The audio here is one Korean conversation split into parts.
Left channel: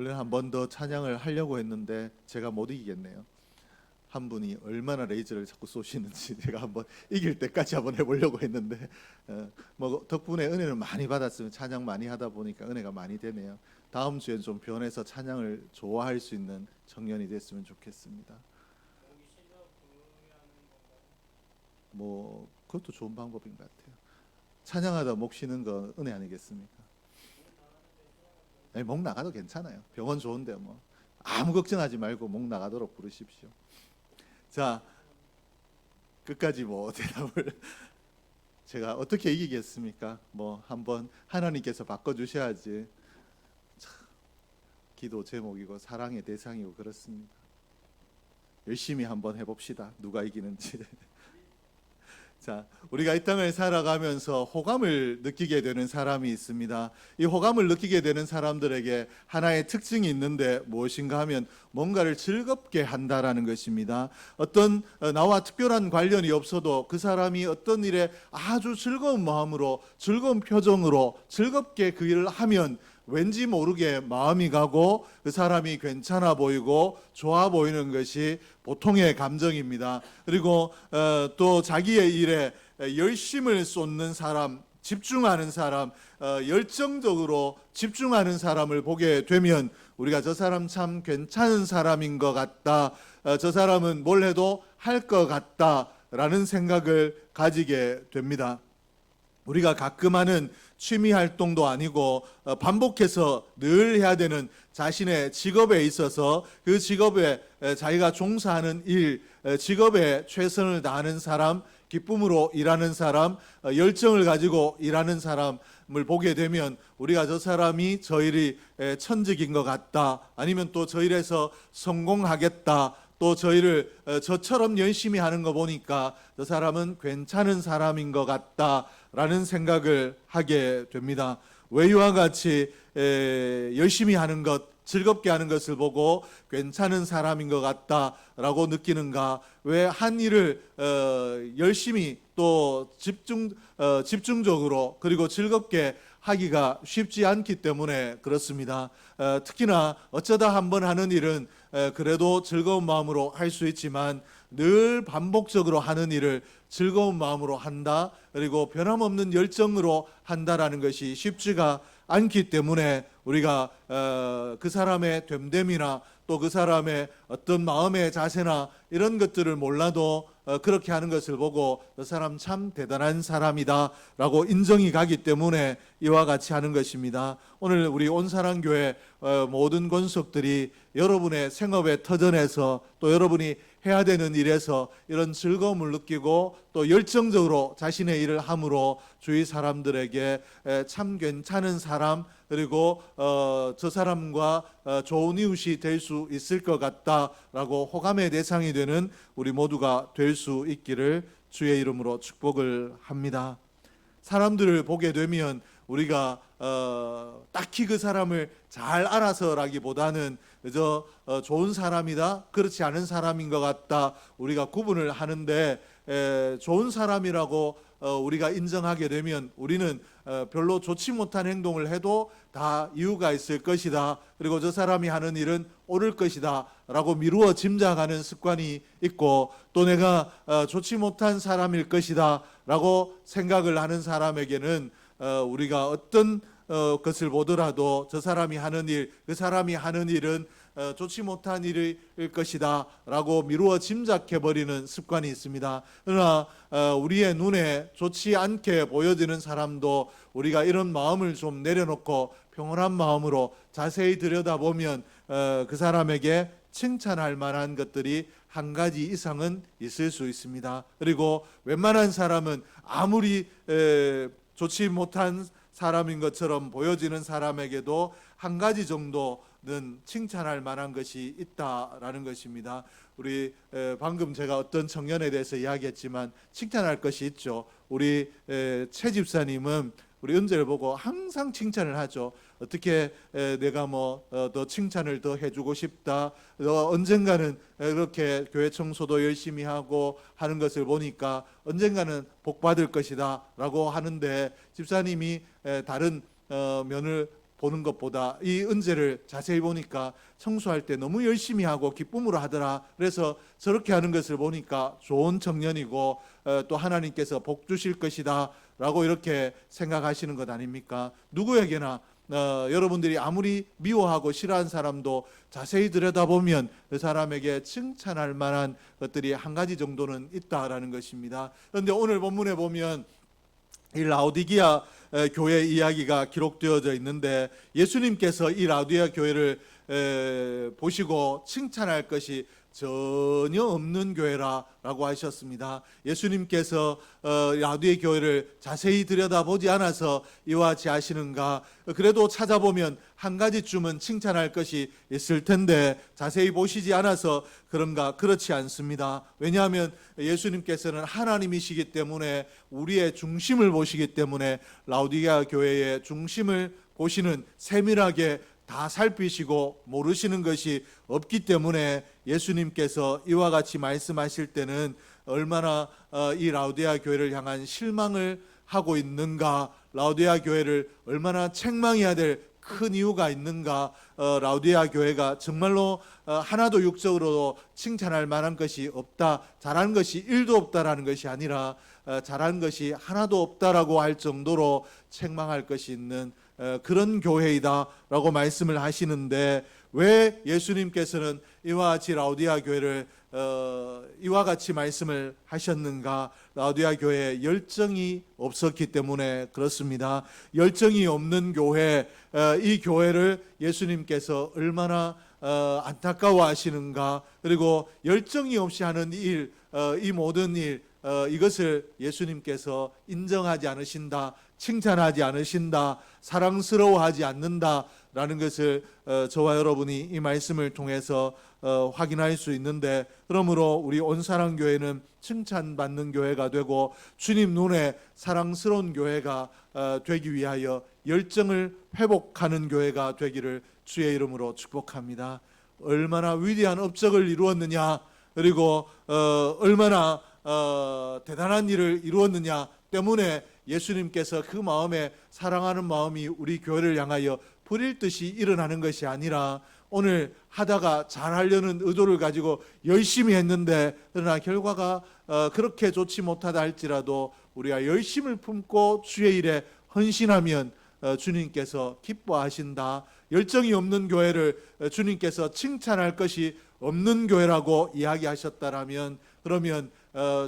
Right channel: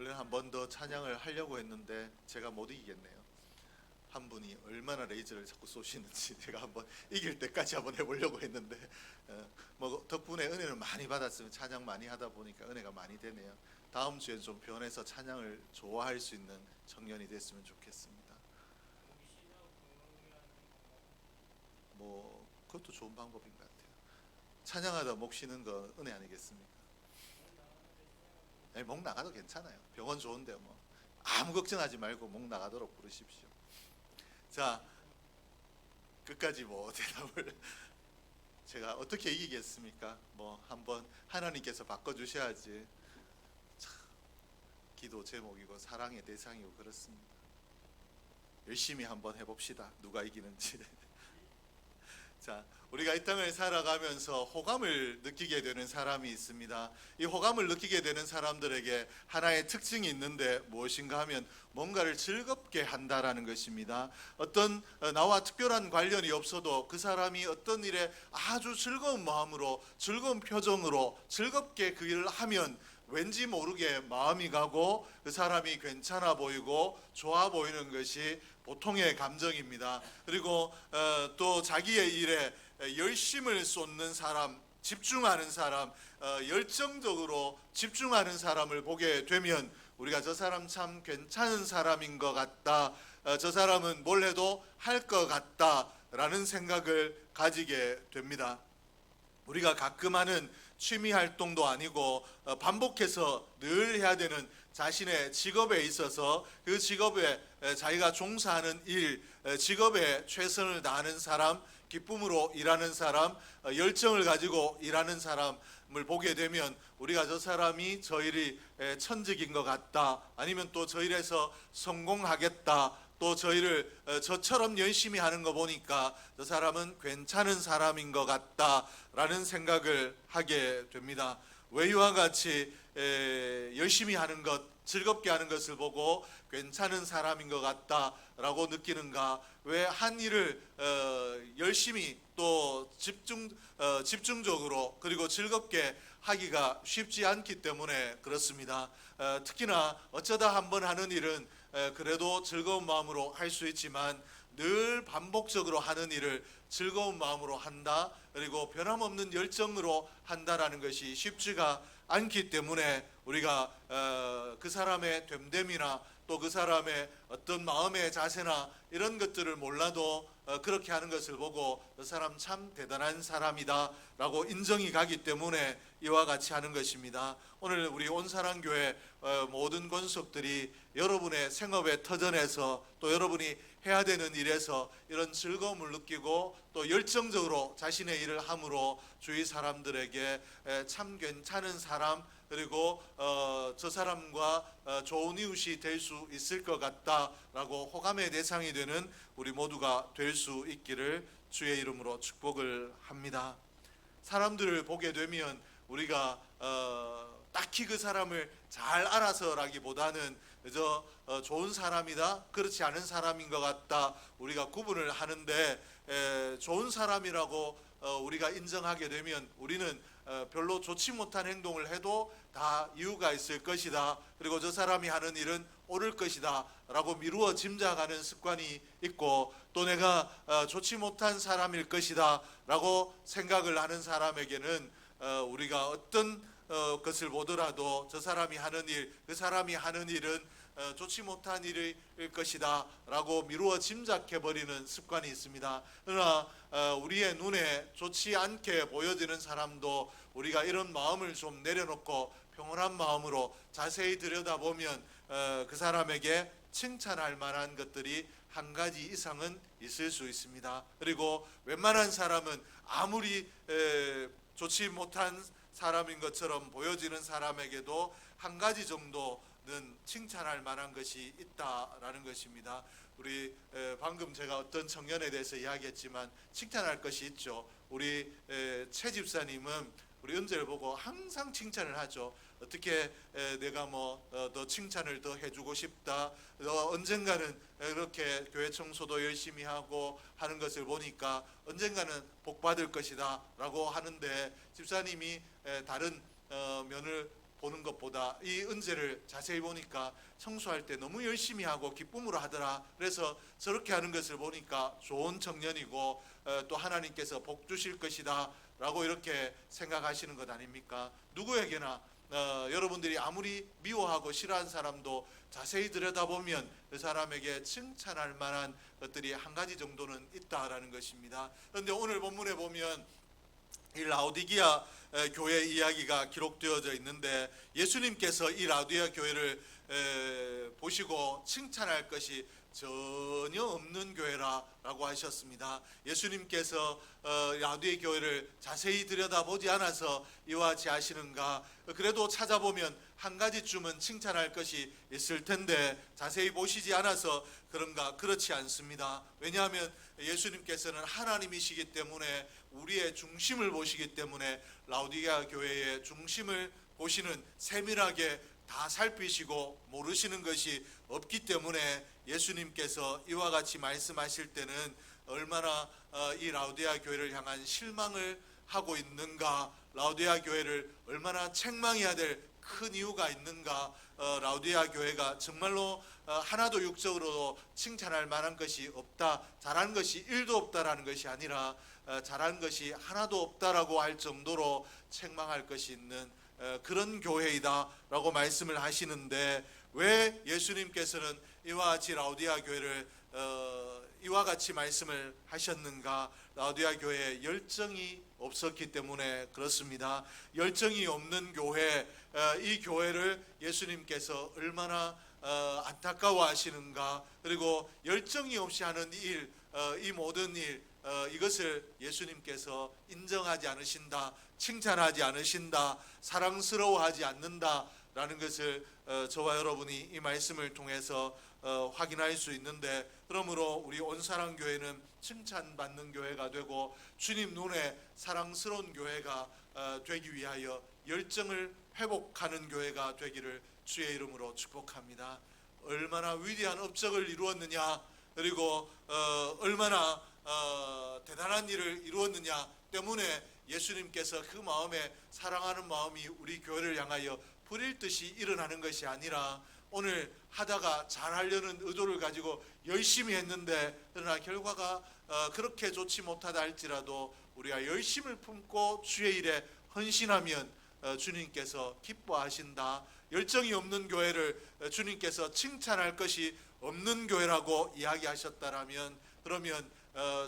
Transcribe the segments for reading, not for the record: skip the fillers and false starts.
원래 한 번 더 찬양을 하려고 했는데 제가 못 이기겠네요. 한 분이 얼마나 레이저를 자꾸 쏘시는지 제가 한번 이길 때까지 한번 해보려고 했는데 뭐 덕분에 은혜를 많이 받았으면 찬양 많이 하다 보니까 은혜가 많이 되네요. 다음 주엔 좀 변해서 찬양을 좋아할 수 있는 청년이 됐으면 좋겠습니다. 뭐 그것도 좋은 방법인 것 같아요. 찬양하다 목 쉬는 거 은혜 아니겠습니까? 목 나가도 괜찮아요. 병원 좋은데 뭐 아무 걱정하지 말고 목 나가도록 부르십시오. 자, 끝까지 뭐 대답을 제가 어떻게 이기겠습니까? 뭐 한번 하나님께서 바꿔주셔야지. 참, 기도 제목이고 사랑의 대상이고 그렇습니다. 열심히 한번 해봅시다. 누가 이기는지. 자, 우리가 이 땅을 살아가면서 호감을 느끼게 되는 사람이 있습니다. 이 호감을 느끼게 되는 사람들에게 하나의 특징이 있는데 무엇인가 하면 뭔가를 즐겁게 한다라는 것입니다. 어떤 나와 특별한 관련이 없어도 그 사람이 어떤 일에 아주 즐거운 마음으로 즐거운 표정으로 즐겁게 그 일을 하면 왠지 모르게 마음이 가고 그 사람이 괜찮아 보이고 좋아 보이는 것이 보통의 감정입니다. 그리고 또 자기의 일에 열심을 쏟는 사람, 집중하는 사람, 열정적으로 집중하는 사람을 보게 되면 우리가 저 사람 참 괜찮은 사람인 것 같다, 저 사람은 뭘 해도 할 것 같다라는 생각을 가지게 됩니다. 우리가 가끔 하는 취미 활동도 아니고 반복해서 늘 해야 되는 자신의 직업에 있어서 그 직업에 자기가 종사하는 일, 직업에 최선을 다하는 사람, 기쁨으로 일하는 사람, 열정을 가지고 일하는 사람을 보게 되면 우리가 저 사람이 저 일이 천직인 것 같다, 아니면 또 저 일에서 성공하겠다, 또 저 일을 저처럼 열심히 하는 거 보니까 저 사람은 괜찮은 사람인 것 같다라는 생각을 하게 됩니다. 왜 이와 같이 열심히 하는 것, 즐겁게 하는 것을 보고 괜찮은 사람인 것 같다라고 느끼는가? 왜 한 일을 열심히 또 집중적으로 그리고 즐겁게 하기가 쉽지 않기 때문에 그렇습니다. 특히나 어쩌다 한번 하는 일은 그래도 즐거운 마음으로 할 수 있지만 늘 반복적으로 하는 일을 즐거운 마음으로 한다, 그리고 변함없는 열정으로 한다라는 것이 쉽지가 않기 때문에 우리가 그 사람의 됨됨이나 또 그 사람의 어떤 마음의 자세나 이런 것들을 몰라도 그렇게 하는 것을 보고 그 사람 참 대단한 사람이다 라고 인정이 가기 때문에 이와 같이 하는 것입니다. 오늘 우리 온사랑교회 모든 권속들이 여러분의 생업의 터전에서 또 여러분이 해야 되는 일에서 이런 즐거움을 느끼고 또 열정적으로 자신의 일을 함으로 주위 사람들에게 참 괜찮은 사람, 그리고 저 사람과 좋은 이웃이 될 수 있을 것 같다라고 호감의 대상이 되는 우리 모두가 될 수 있기를 주의 이름으로 축복을 합니다. 사람들을 보게 되면 우리가 딱히 그 사람을 잘 알아서라기보다는 그저 좋은 사람이다, 그렇지 않은 사람인 것 같다, 우리가 구분을 하는데 좋은 사람이라고 우리가 인정하게 되면 우리는 별로 좋지 못한 행동을 해도 다 이유가 있을 것이다, 그리고 저 사람이 하는 일은 옳을 것이다 라고 미루어 짐작하는 습관이 있고, 또 내가 좋지 못한 사람일 것이다 라고 생각을 하는 사람에게는 우리가 어떤 것을 보더라도 저 사람이 하는 일, 그 사람이 하는 일은 좋지 못한 일일 것이다 라고 미루어 짐작해버리는 습관이 있습니다. 그러나 우리의 눈에 좋지 않게 보여지는 사람도 우리가 이런 마음을 좀 내려놓고 평온한 마음으로 자세히 들여다보면 그 사람에게 칭찬할 만한 것들이 한 가지 이상은 있을 수 있습니다. 그리고 웬만한 사람은 아무리 좋지 못한 사람인 것처럼 보여지는 사람에게도 한 가지 정도는 칭찬할 만한 것이 있다라는 것입니다. 우리 방금 제가 어떤 청년에 대해서 이야기했지만 칭찬할 것이 있죠. 우리 최 집사님은 우리 은재를 보고 항상 칭찬을 하죠. 어떻게 내가 뭐 더 칭찬을 더 해주고 싶다, 언젠가는 이렇게 교회 청소도 열심히 하고 하는 것을 보니까 언젠가는 복 받을 것이다 라고 하는데, 집사님이 다른 면을 보는 것보다 이 은제를 자세히 보니까 청소할 때 너무 열심히 하고 기쁨으로 하더라. 그래서 저렇게 하는 것을 보니까 좋은 청년이고 또 하나님께서 복 주실 것이다 라고 이렇게 생각하시는 것 아닙니까? 누구에게나 여러분들이 아무리 미워하고 싫어하는 사람도 자세히 들여다보면 그 사람에게 칭찬할 만한 것들이 한 가지 정도는 있다라는 것입니다. 그런데 오늘 본문에 보면 이 라오디게아 교회 이야기가 기록되어져 있는데 예수님께서 이 라오디게아 교회를 보시고 칭찬할 것이 전혀 없는 교회라고 하셨습니다. 예수님께서 라오디게아 교회를 자세히 들여다보지 않아서 이와 같이 하시는가? 그래도 찾아보면 한 가지쯤은 칭찬할 것이 있을 텐데 자세히 보시지 않아서 그런가? 그렇지 않습니다. 왜냐하면 예수님께서는 하나님이시기 때문에 우리의 중심을 보시기 때문에 라오디게아 교회의 중심을 보시는, 세밀하게 다 살피시고 모르시는 것이 없기 때문에 예수님께서 이와 같이 말씀하실 때는 얼마나 이 라오디게아 교회를 향한 실망을 하고 있는가, 라오디게아 교회를 얼마나 책망해야 될 큰 이유가 있는가, 라오디게아 교회가 정말로 하나도 육적으로 칭찬할 만한 것이 없다, 잘하는 것이 1도 없다라는 것이 아니라 잘하는 것이 하나도 없다라고 할 정도로 책망할 것이 있는 그런 교회이다라고 말씀을 하시는데, 왜 예수님께서는 이와 같이 라오디게아 교회를 이와 같이 말씀을 하셨는가? 라오디게아 교회에 열정이 없었기 때문에 그렇습니다. 열정이 없는 교회, 이 교회를 예수님께서 얼마나 안타까워하시는가? 그리고 열정이 없이 하는 일, 이 모든 일, 이것을 예수님께서 인정하지 않으신다, 칭찬하지 않으신다, 사랑스러워하지 않는다라는 것을 저와 여러분이 이 말씀을 통해서 확인할 수 있는데, 그러므로 우리 온사랑교회는 칭찬받는 교회가 되고 주님 눈에 사랑스러운 교회가 되기 위하여 열정을 회복하는 교회가 되기를 주의 이름으로 축복합니다. 얼마나 위대한 업적을 이루었느냐, 그리고 얼마나 대단한 일을 이루었느냐 때문에 예수님께서 그 마음에 사랑하는 마음이 우리 교회를 향하여 불일 듯이 일어나는 것이 아니라, 오늘 하다가 잘하려는 의도를 가지고 열심히 했는데 그러나 결과가 그렇게 좋지 못하다 할지라도 우리가 열심을 품고 주의 일에 헌신하면 주님께서 기뻐하신다. 열정이 없는 교회를 주님께서 칭찬할 것이 없는 교회라고 이야기하셨다라면, 그러면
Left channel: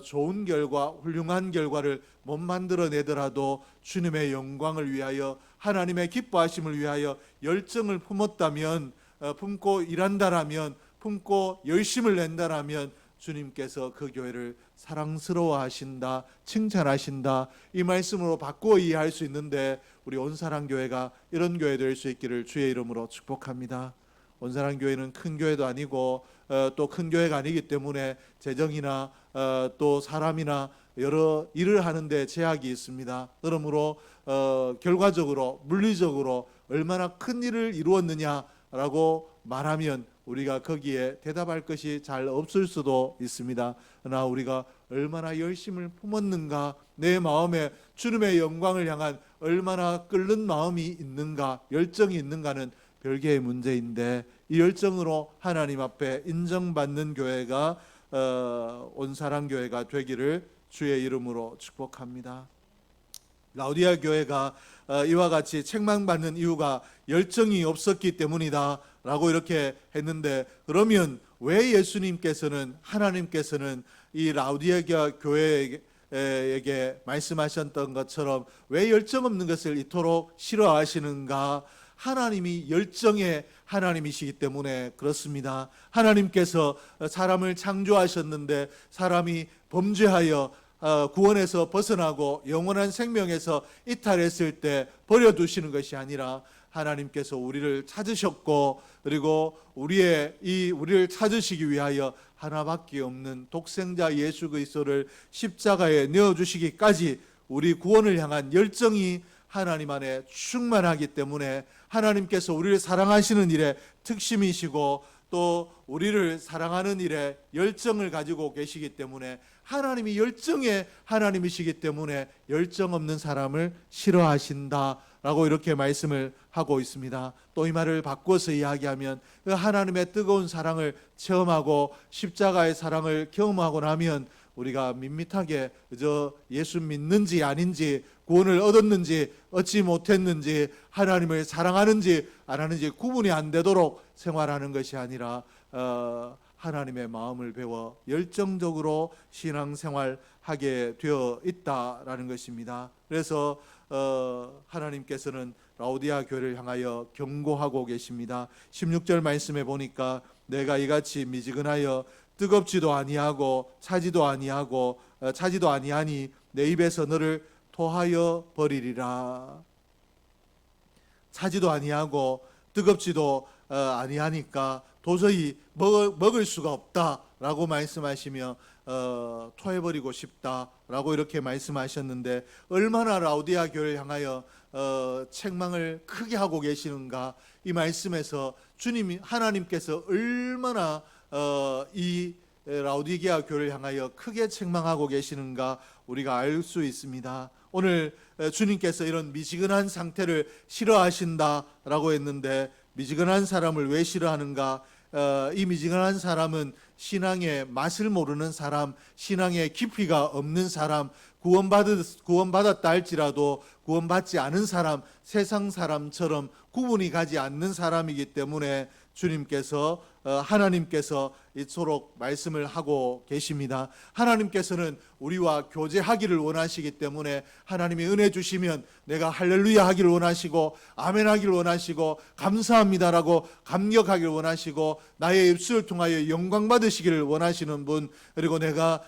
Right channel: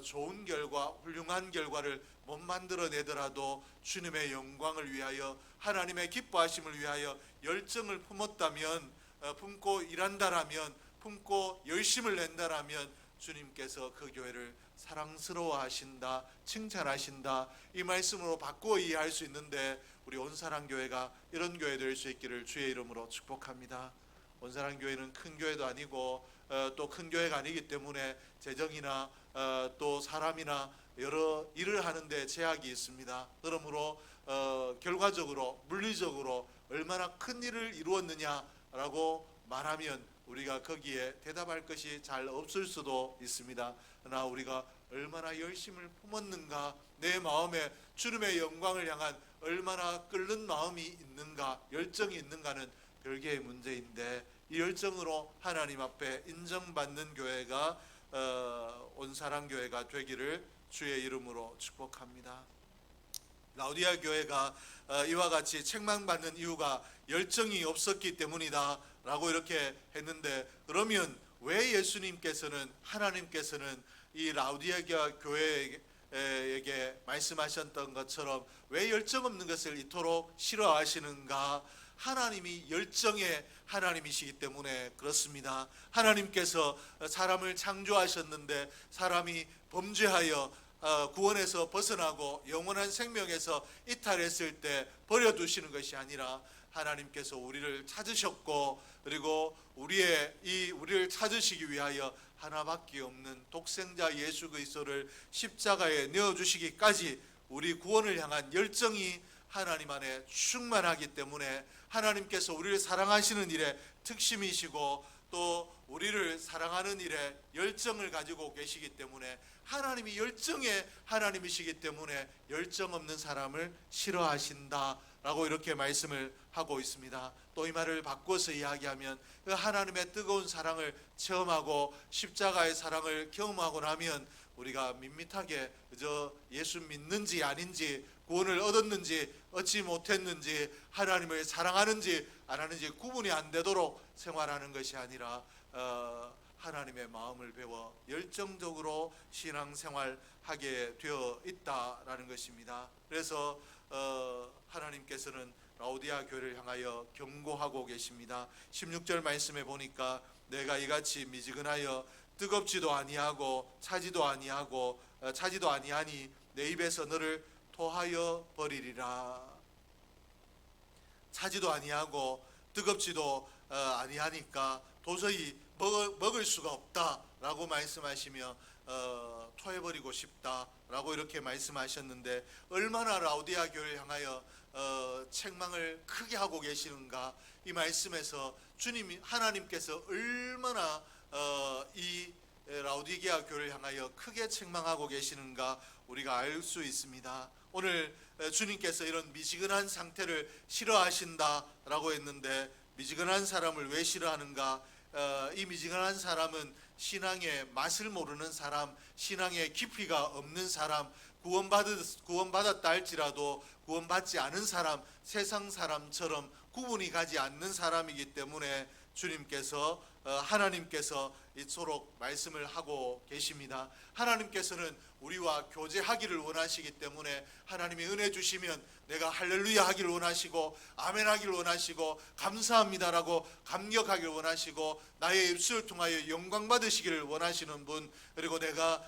좋은 결과, 훌륭한 결과를 못 만들어내더라도 주님의 영광을 위하여, 하나님의 기뻐하심을 위하여 열정을 품었다면, 품고 일한다라면, 품고 열심을 낸다라면 주님께서 그 교회를 사랑스러워하신다, 칭찬하신다, 이 말씀으로 바꾸어 이해할 수 있는데, 우리 온사랑교회가 이런 교회 될 수 있기를 주의 이름으로 축복합니다. 온사랑교회는 큰 교회도 아니고 또 큰 교회가 아니기 때문에 재정이나 또 사람이나 여러 일을 하는데 제약이 있습니다. 그러므로 결과적으로, 물리적으로 얼마나 큰 일을 이루었느냐라고 말하면 우리가 거기에 대답할 것이 잘 없을 수도 있습니다. 그러나 우리가 얼마나 열심을 품었는가, 내 마음에 주님의 영광을 향한 얼마나 끓는 마음이 있는가, 열정이 있는가는 별개의 문제인데, 이 열정으로 하나님 앞에 인정받는 교회가 온사랑교회가 되기를 주의 이름으로 축복합니다. 라오디게아 교회가 이와 같이 책망받는 이유가 열정이 없었기 때문이다 라고 이렇게 했는데, 그러면 왜 예수님께서는, 하나님께서는 이 라오디게아 교회에게 말씀하셨던 것처럼 왜 열정 없는 것을 이토록 싫어하시는가? 하나님이 열정의 하나님이시기 때문에 그렇습니다. 하나님께서 사람을 창조하셨는데 사람이 범죄하여 구원에서 벗어나고 영원한 생명에서 이탈했을 때 버려두시는 것이 아니라, 하나님께서 우리를 찾으셨고, 그리고 우리를 찾으시기 위하여 하나밖에 없는 독생자 예수 그리스도를 십자가에 내어주시기까지 우리 구원을 향한 열정이 하나님 안에 충만하기 때문에, 하나님께서 우리를 사랑하시는 일에 특심이시고 또 우리를 사랑하는 일에 열정을 가지고 계시기 때문에, 하나님이 열정의 하나님이시기 때문에 열정 없는 사람을 싫어하신다 라고 이렇게 말씀을 하고 있습니다. 또 이 말을 바꿔서 이야기하면 그 하나님의 뜨거운 사랑을 체험하고 십자가의 사랑을 경험하고 나면 우리가 밋밋하게 그저 예수 믿는지 아닌지, 구원을 얻었는지 얻지 못했는지, 하나님을 사랑하는지 안 하는지 구분이 안 되도록 생활하는 것이 아니라 하나님의 마음을 배워 열정적으로 신앙생활하게 되어 있다라는 것입니다. 그래서 하나님께서는 라오디아 교회를 향하여 경고하고 계십니다. 16절 말씀에 보니까 내가 이같이 미지근하여 뜨겁지도 아니하고 차지도 아니하니 내 입에서 너를 토하여 버리리라. 차지도 아니하고 뜨겁지도 아니하니까 도저히 먹을 수가 없다라고 말씀하시며 토해버리고 싶다라고 이렇게 말씀하셨는데, 얼마나 라오디아 교회를 향하여 책망을 크게 하고 계시는가. 이 말씀에서 주님이 하나님께서 얼마나 이 라오디게아 교회를 향하여 크게 책망하고 계시는가 우리가 알 수 있습니다. 오늘 주님께서 이런 미지근한 상태를 싫어하신다라고 했는데, 미지근한 사람을 왜 싫어하는가? 이 미지근한 사람은 신앙의 맛을 모르는 사람, 신앙의 깊이가 없는 사람, 구원받았다 할지라도 구원받지 않은 사람, 세상 사람처럼 구분이 가지 않는 사람이기 때문에 주님께서 하나님께서 이토록 말씀을 하고 계십니다. 하나님께서는 우리와 교제하기를 원하시기 때문에 하나님이 은혜 주시면 내가 할렐루야 하기를 원하시고 아멘 하기를 원하시고 감사합니다라고 감격하기를 원하시고 나의 입술을 통하여 영광 받으시기를 원하시는 분, 그리고 내가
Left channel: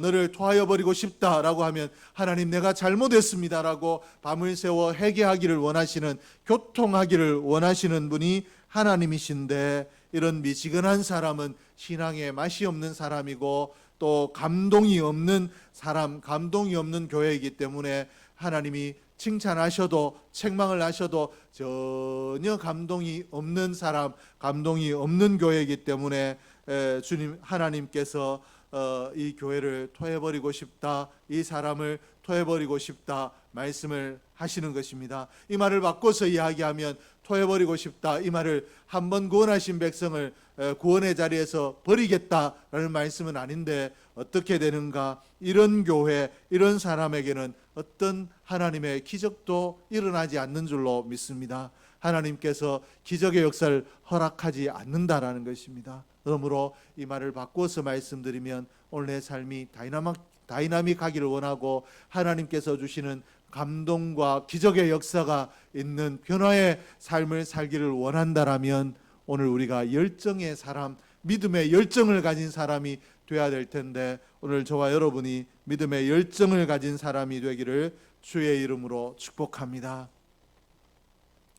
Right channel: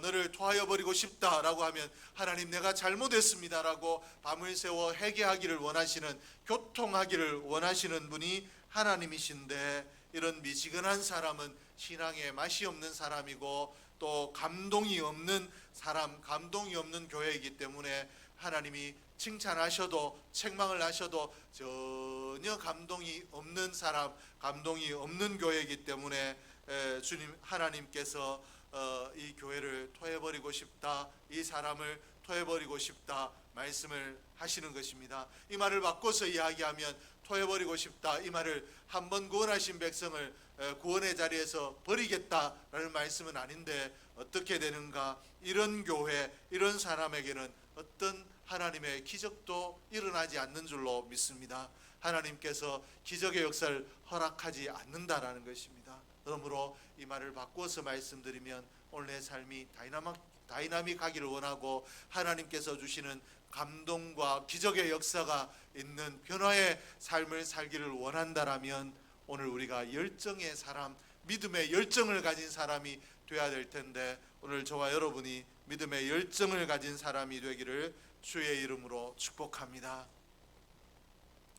너를 토하여 버리고 싶다라고 하면 하나님 내가 잘못했습니다라고 밤을 새워 회개하기를 원하시는, 교통하기를 원하시는 분이 하나님이신데, 이런 미지근한 사람은 신앙에 맛이 없는 사람이고 또 감동이 없는 사람, 감동이 없는 교회이기 때문에 하나님이 칭찬하셔도 책망을 하셔도 전혀 감동이 없는 사람, 감동이 없는 교회이기 때문에 주님 하나님께서 이 교회를 토해버리고 싶다, 이 사람을 토해버리고 싶다 말씀을 하시는 것입니다. 이 말을 바꿔서 이야기하면 토해버리고 싶다, 이 말을 한번 구원하신 백성을 구원의 자리에서 버리겠다라는 말씀은 아닌데 어떻게 되는가? 이런 교회, 이런 사람에게는 어떤 하나님의 기적도 일어나지 않는 줄로 믿습니다. 하나님께서 기적의 역사를 허락하지 않는다라는 것입니다. 그러므로 이 말을 바꿔서 말씀드리면 오늘 내 삶이 다이나믹하기를 원하고 하나님께서 주시는 감동과 기적의 역사가 있는 변화의 삶을 살기를 원한다라면 오늘 우리가 열정의 사람, 믿음의 열정을 가진 사람이 되어야 될 텐데, 오늘 저와 여러분이 믿음의 열정을 가진 사람이 되기를 주의 이름으로 축복합니다.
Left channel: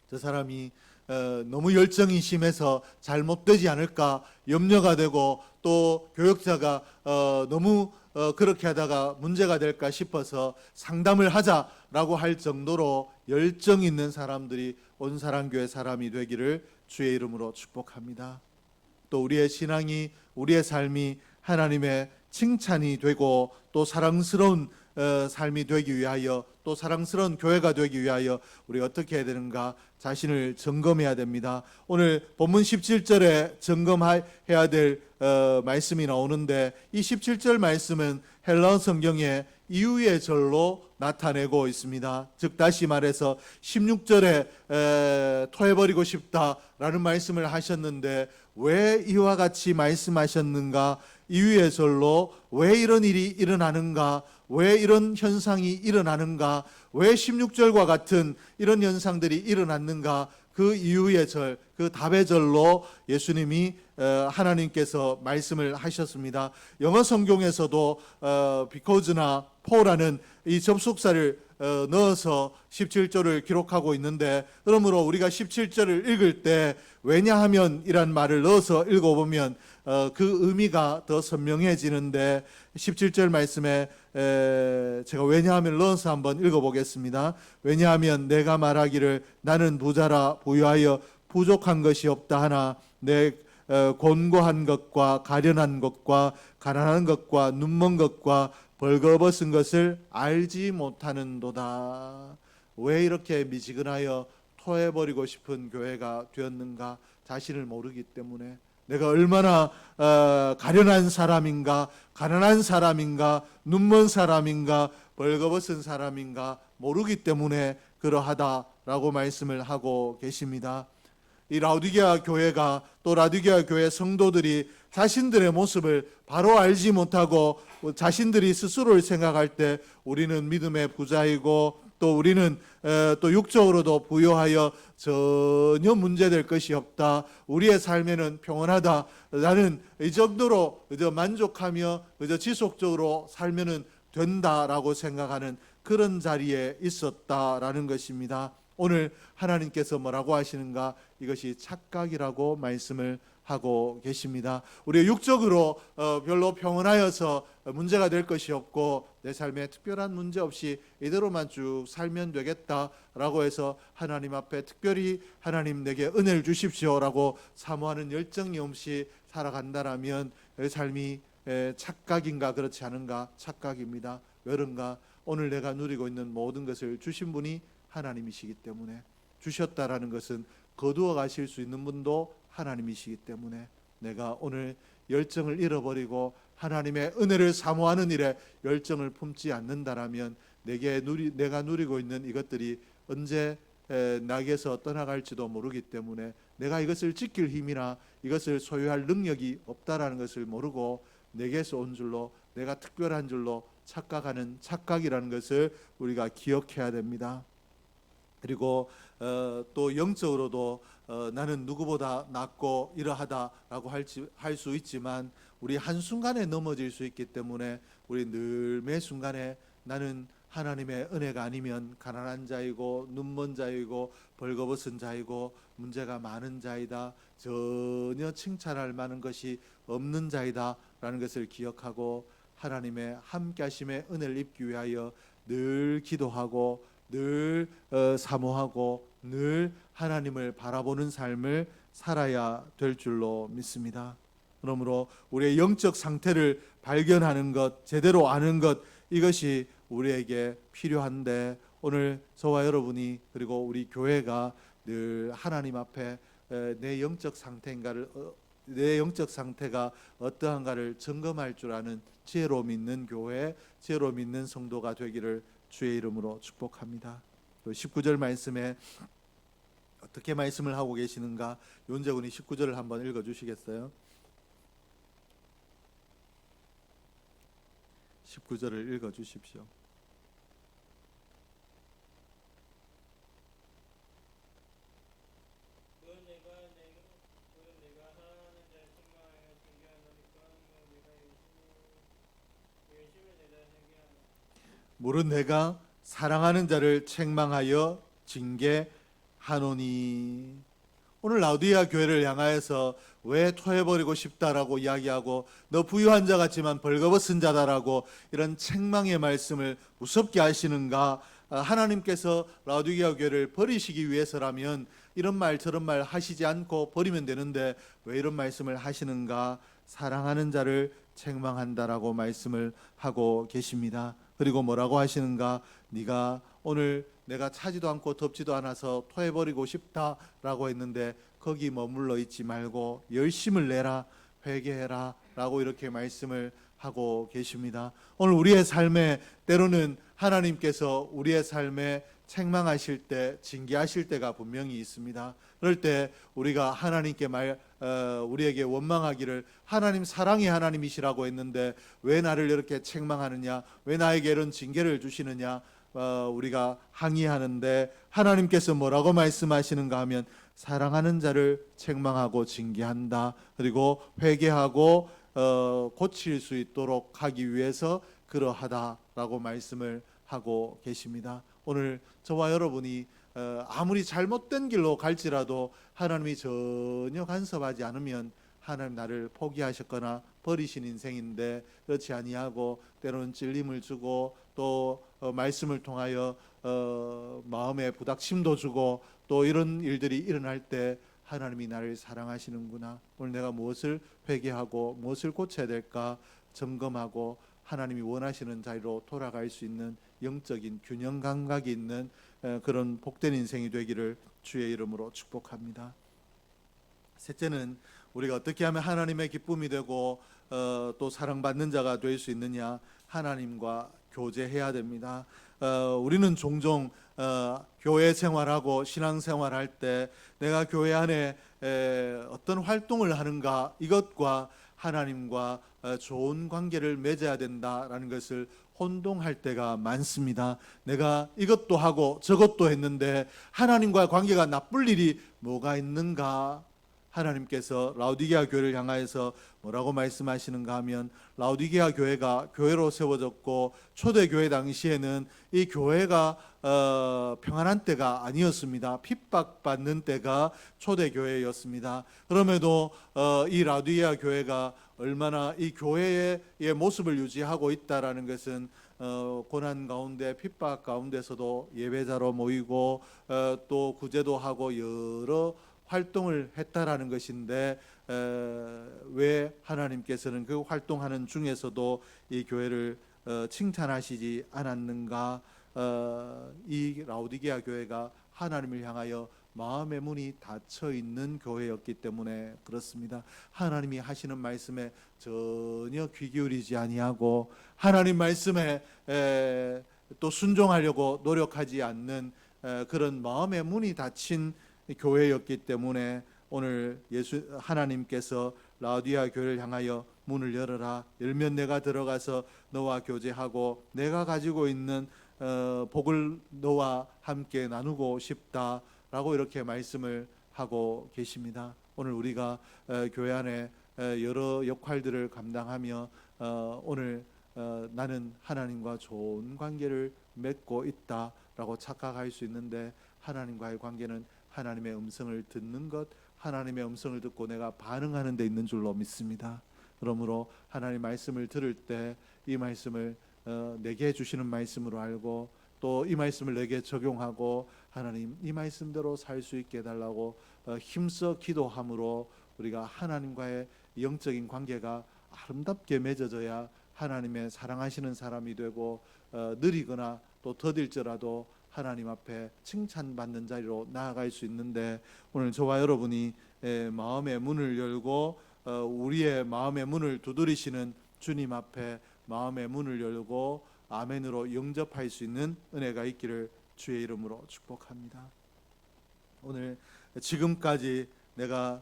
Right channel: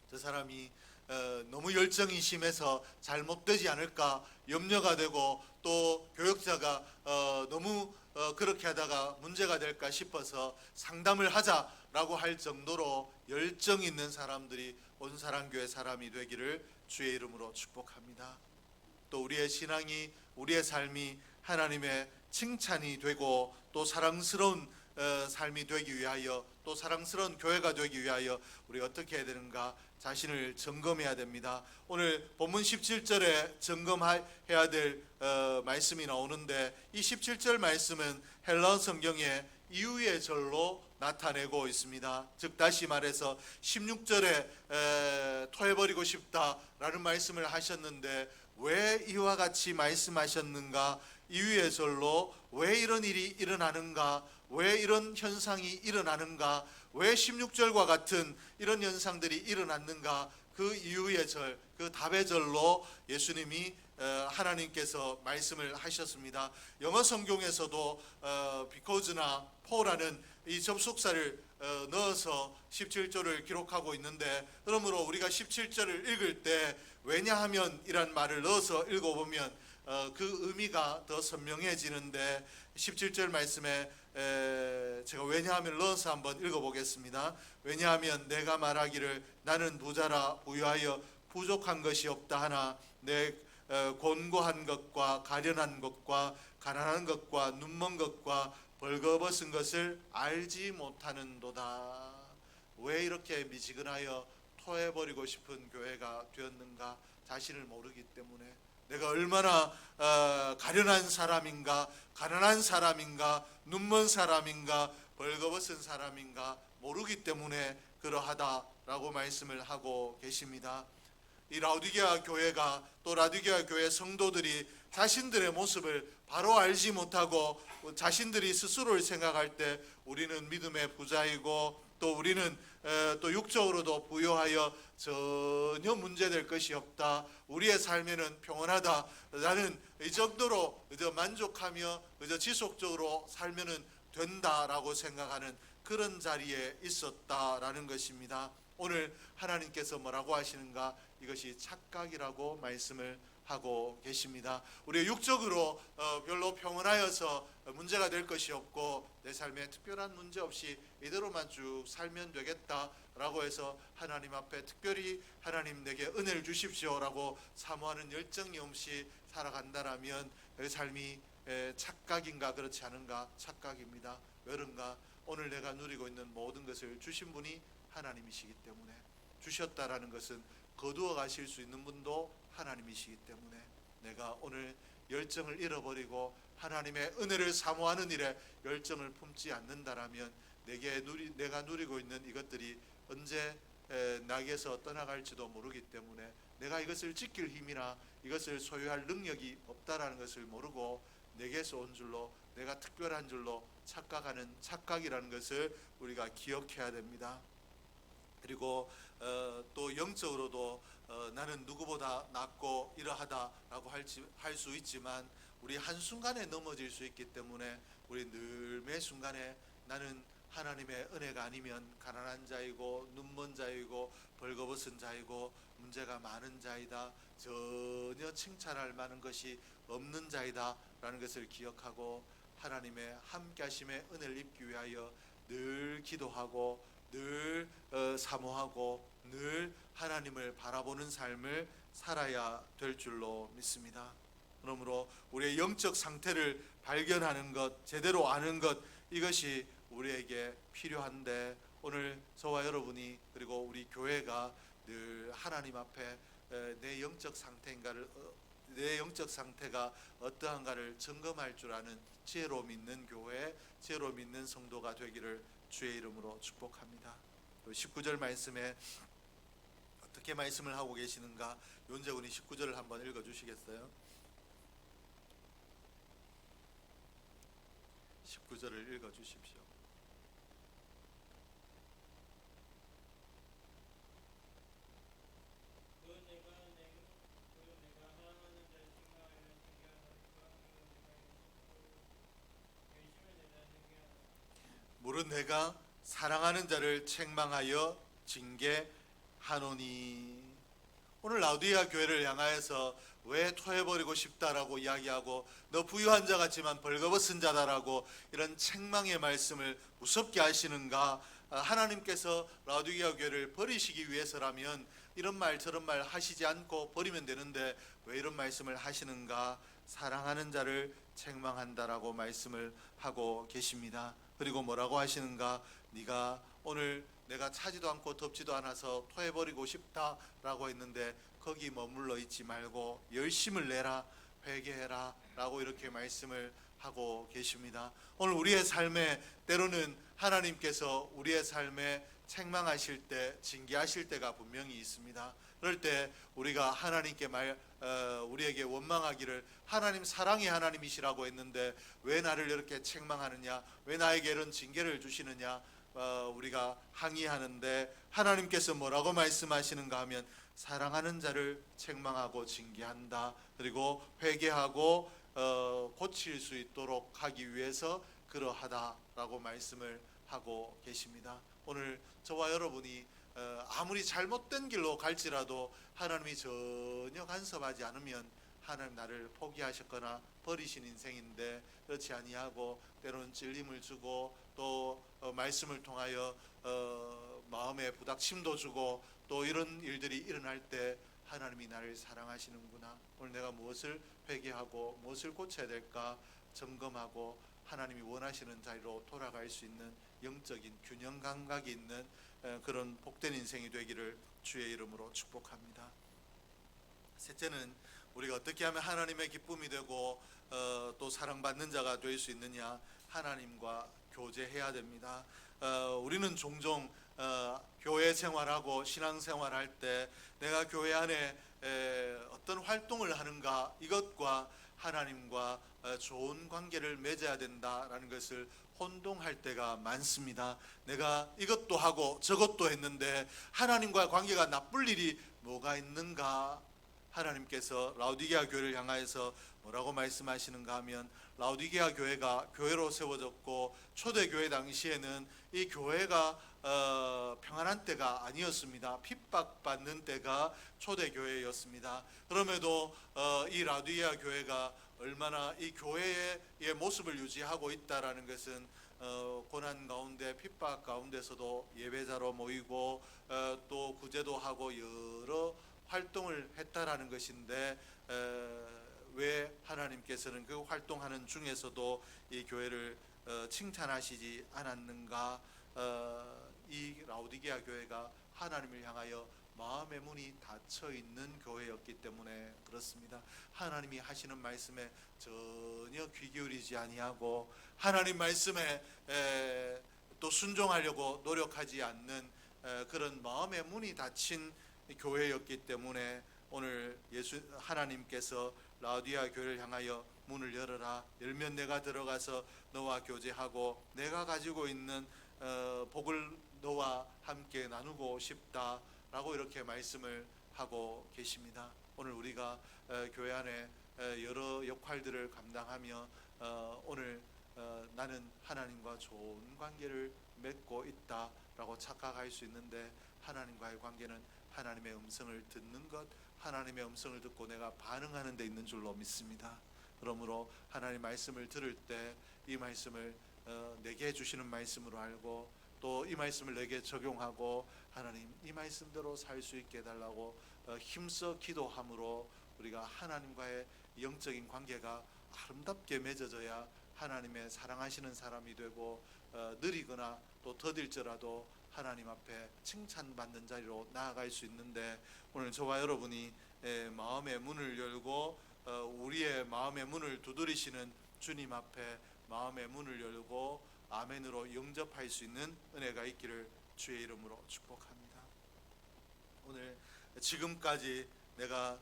저 사람이 너무 열정이 심해서 잘못되지 않을까 염려가 되고, 또 교역자가 너무 그렇게 하다가 문제가 될까 싶어서 상담을 하자라고 할 정도로 열정 있는 사람들이 온사랑교회 사람이 되기를 주의 이름으로 축복합니다. 또 우리의 신앙이, 우리의 삶이 하나님의 칭찬이 되고 또 사랑스러운 삶이 되기 위하여, 또 사랑스러운 교회가 되기 위하여 우리가 어떻게 해야 되는가? 자신을 점검해야 됩니다. 오늘 본문 17절에 점검해야 될 말씀이 나오는데, 이 17절 말씀은 헬라어 성경에 이유의 절로 나타내고 있습니다. 즉 다시 말해서 16절에 토해버리고 싶다라는 말씀을 하셨는데 왜 이와 같이 말씀하셨는가? 이유의 절로 왜 이런 일이 일어나는가? 왜 이런 현상이 일어나는가? 왜 16절과 같은 이런 현상들이 일어났는가? 그 이유의 절, 그 답의 절로 예수님이 하나님께서 말씀을 하셨습니다. 영어 성경에서도 because나 for라는 이 접속사를 넣어서 17절을 기록하고 있는데, 그러므로 우리가 17절을 읽을 때 왜냐하면 이란 말을 넣어서 읽어보면 그 의미가 더 선명해지는데, 17절 말씀에 제가 왜냐하면 넣어서 한번 읽어보겠습니다. 왜냐하면 내가 말하기를 나는 부자라 부유하여 부족한 것이 없다 하나 내 곤고한 것과 가련한 것과 가난한 것과 눈먼 것과 벌거벗은 것을 알지 못하는도다. 왜 이렇게 미지근하여 토해버리고 싶은 교회가 되었는가? 자신을 모르기 때문에, 내가 얼마나 가련한 사람인가, 가난한 사람인가, 눈먼 사람인가, 벌거벗은 사람인가 모르기 때문에 그러하다라고 말씀을 하고 계십니다. 이 라오디게아 교회가, 또 라오디게아 교회 성도들이 자신들의 모습을 바로 알지 못하고 자신들이 스스로를 생각할 때 우리는 믿음의 부자이고 또 우리는 또 육적으로도 부유하여 전혀 문제될 것이 없다, 우리의 삶에는 평온하다, 나는 이 정도로 그저 만족하며 그저 지속적으로 살면은 된다라고 생각하는 그런 자리에 있었다라는 것입니다. 오늘 하나님께서 뭐라고 하시는가? 이것이 착각이라고 말씀을 하고 계십니다. 우리 육적으로 별로 평온하여서 문제가 될 것이 없고 내 삶에 특별한 문제 없이 이대로만 쭉 살면 되겠다라고 해서 하나님 앞에 특별히 하나님 내게 은혜를 주십시오라고 사모하는 열정이 없이 살아간다라면 내 삶이 착각인가 그렇지 않은가? 착각입니다. 왜런가? 오늘 내가 누리고 있는 모든 것을 주신 분이 하나님이시기 때문에, 주셨다라는 것은 거두어 가실 수 있는 분도 하나님이시기 때문에, 내가 오늘 열정을 잃어버리고 하나님의 은혜를 사모하는 일에 열정을 품지 않는다라면 내가 누리고 있는 이것들이 언제 나에게서 떠나갈지도 모르기 때문에 내가 이것을 지킬 힘이나 이것을 소유할 능력이 없다라는 것을 모르고 내게서 온 줄로, 내가 특별한 줄로 착각하는 착각이라는 것을 우리가 기억해야 됩니다. 그리고 또 영적으로도 나는 누구보다 낫고 이러하다라고 할 수 있지만 우리 한순간에 넘어질 수 있기 때문에 우리 늘 매 순간에 나는 하나님의 은혜가 아니면 가난한 자이고 눈먼 자이고 벌거벗은 자이고 문제가 많은 자이다, 전혀 칭찬할 만한 것이 없는 자이다 라는 것을 기억하고 하나님의 함께하심의 은혜를 입기 위하여 늘 기도하고 늘 사모하고 늘 하나님을 바라보는 삶을 살아야 될 줄로 믿습니다. 그러므로 우리의 영적 상태를 발견하는 것, 제대로 아는 것, 이것이 우리에게 필요한데 오늘 저와 여러분이 그리고 우리 교회가 늘 하나님 앞에 내 영적 상태가 어떠한가를 점검할 줄 아는 지혜로 믿는 교회, 지혜로 믿는 성도가 되기를 주의 이름으로 축복합니다. 19절 말씀에 어떻게 말씀을 하고 계시는가? 윤재군이 19절을 한번 읽어주시겠어요? 19절을 읽어주십시오. 물은 내가 사랑하는 자를 책망하여 징계하노니. 오늘 라오디게아 교회를 향하여서 왜 토해버리고 싶다라고 이야기하고 너 부유한 자 같지만 벌거벗은 자다라고 이런 책망의 말씀을 무섭게 하시는가? 하나님께서 라오디게아 교회를 버리시기 위해서라면 이런 말 저런 말 하시지 않고 버리면 되는데 왜 이런 말씀을 하시는가? 사랑하는 자를 책망한다라고 말씀을 하고 계십니다. 그리고 뭐라고 하시는가? 네가 오늘 내가 차지도 않고 덥지도 않아서 토해버리고 싶다라고 했는데 거기 머물러 있지 말고 열심을 내라, 회개해라 라고 이렇게 말씀을 하고 계십니다. 오늘 우리의 삶에 때로는 하나님께서 우리의 삶에 책망하실 때, 징계하실 때가 분명히 있습니다. 그럴 때 우리가 하나님께 우리에게 원망하기를 하나님 사랑의 하나님이시라고 했는데 왜 나를 이렇게 책망하느냐, 왜 나에게 이런 징계를 주시느냐, 우리가 항의하는데 하나님께서 뭐라고 말씀하시는가 하면 사랑하는 자를 책망하고 징계한다, 그리고 회개하고 고칠 수 있도록 하기 위해서 그러하다라고 말씀을 하고 계십니다. 오늘 저와 여러분이 아무리 잘못된 길로 갈지라도 하나님이 전혀 간섭하지 않으면 하나님 나를 포기하셨거나 버리신 인생인데 그렇지 아니하고 때로는 찔림을 주고 또 말씀을 통하여 마음에 부닥침도 주고 또 이런 일들이 일어날 때 하나님이 나를 사랑하시는구나, 오늘 내가 무엇을 회개하고 무엇을 고쳐야 될까 점검하고 하나님이 원하시는 자리로 돌아갈 수 있는 영적인 균형 감각이 있는 그런 복된 인생이 되기를 주의 이름으로 축복합니다. 셋째는 우리가 어떻게 하면 하나님의 기쁨이 되고 또 사랑받는 자가 될 수 있느냐, 하나님과 교제해야 됩니다. 우리는 종종 교회 생활하고 신앙 생활할 때 내가 교회 안에 어떤 활동을 하는가, 이것과 하나님과 좋은 관계를 맺어야 된다라는 것을 혼동할 때가 많습니다. 내가 이것도 하고 저것도 했는데 하나님과 관계가 나쁠 일이 뭐가 있는가? 하나님께서 라오디게아 교회를 향하여서 뭐라고 말씀하시는가 하면, 라오디게아 교회가 교회로 세워졌고 초대교회 당시에는 이 교회가 평안한 때가 아니었습니다. 핍박받는 때가 초대교회였습니다. 그럼에도 이 라오디게아 교회가 얼마나 이 교회의 모습을 유지하고 있다라는 것은 고난 가운데 핍박 가운데서도 예배자로 모이고 또 구제도 하고 여러 활동을 했다라는 것인데, 왜 하나님께서는 그 활동하는 중에서도 이 교회를 칭찬하시지 않았는가? 이 라오디게아 교회가 하나님을 향하여 마음의 문이 닫혀 있는 교회였기 때문에 그렇습니다. 하나님이 하시는 말씀에 전혀 귀 기울이지 아니하고 하나님 말씀에 또 순종하려고 노력하지 않는 그런 마음의 문이 닫힌 교회였기 때문에 오늘 하나님께서 라오디게아 교회를 향하여 문을 열어라, 열면 내가 들어가서 너와 교제하고 내가 가지고 있는 복을 너와 함께 나누고 싶다라고 이렇게 말씀을 하고 계십니다. 오늘 우리가 교회 안에 여러 역할들을 감당하며 오늘 나는 하나님과 좋은 관계를 맺고 있다라고 착각할 수 있는데, 하나님과의 관계는 하나님의 음성을 듣는 것, 하나님의 음성을 듣고 내가 반응하는 데 있는 줄로 믿습니다. 그러므로 하나님 말씀을 들을 때 이 말씀을 내게 주시는 말씀으로 알고 또 이 말씀을 내게 적용하고 하나님 이 말씀대로 살 수 있게 해달라고 힘써 기도함으로 우리가 하나님과의 영적인 관계가 아름답게 맺어져야 하나님의 사랑하시는 사람이 되고 느리거나 또 더딜지라도 하나님 앞에 칭찬받는 자리로 나아갈 수 있는데, 오늘 저와 여러분이 마음의 문을 열고 우리의 마음의 문을 두드리시는 주님 앞에 마음의 문을 열고 아멘으로 영접할 수 있는 은혜가 있기를 주의 이름으로 축복합니다. 오늘 지금까지 내가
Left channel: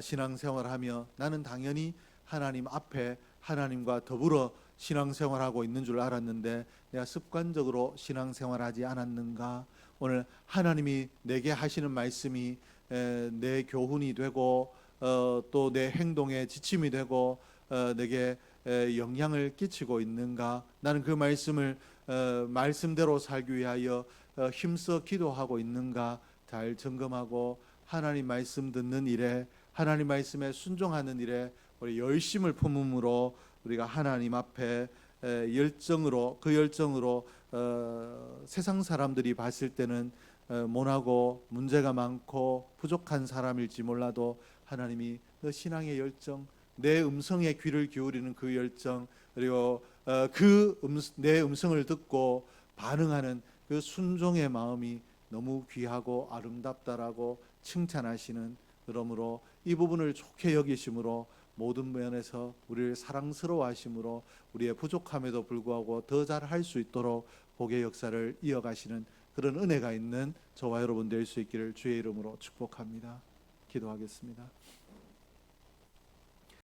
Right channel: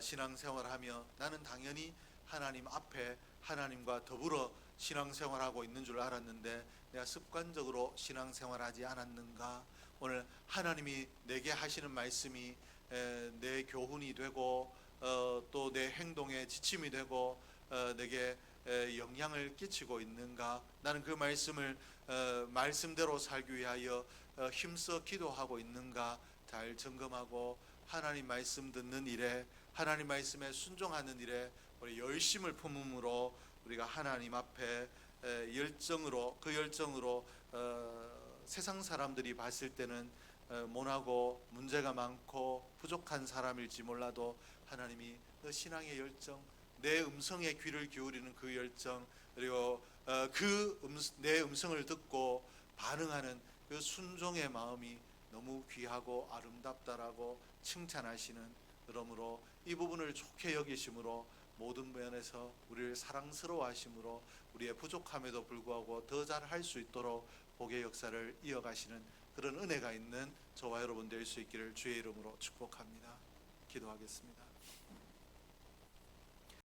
신앙생활하며 나는 당연히 하나님 앞에 하나님과 더불어 신앙생활하고 있는 줄 알았는데 내가 습관적으로 신앙생활하지 않았는가? 오늘 하나님이 내게 하시는 말씀이 내 교훈이 되고 또 내 행동의 지침이 되고 내게 영향을 끼치고 있는가? 나는 그 말씀을 말씀대로 살기 위하여 힘써 기도하고 있는가? 잘 점검하고 하나님 말씀 듣는 일에, 하나님 말씀에 순종하는 일에 우리 열심을 품음으로 우리가 하나님 앞에 열정으로, 그 열정으로 세상 사람들이 봤을 때는 모나고 문제가 많고 부족한 사람일지 몰라도 하나님이 너 신앙의 열정, 내 음성에 귀를 기울이는 그 열정, 그리고 내 음성을 듣고 반응하는 그 순종의 마음이 너무 귀하고 아름답다라고 칭찬하시는, 그러므로 이 부분을 좋게 여기심으로 모든 면에서 우리를 사랑스러워하심으로 우리의 부족함에도 불구하고 더 잘할 수 있도록 복의 역사를 이어가시는 그런 은혜가 있는 저와 여러분 될 수 있기를 주의 이름으로 축복합니다. 기도하겠습니다.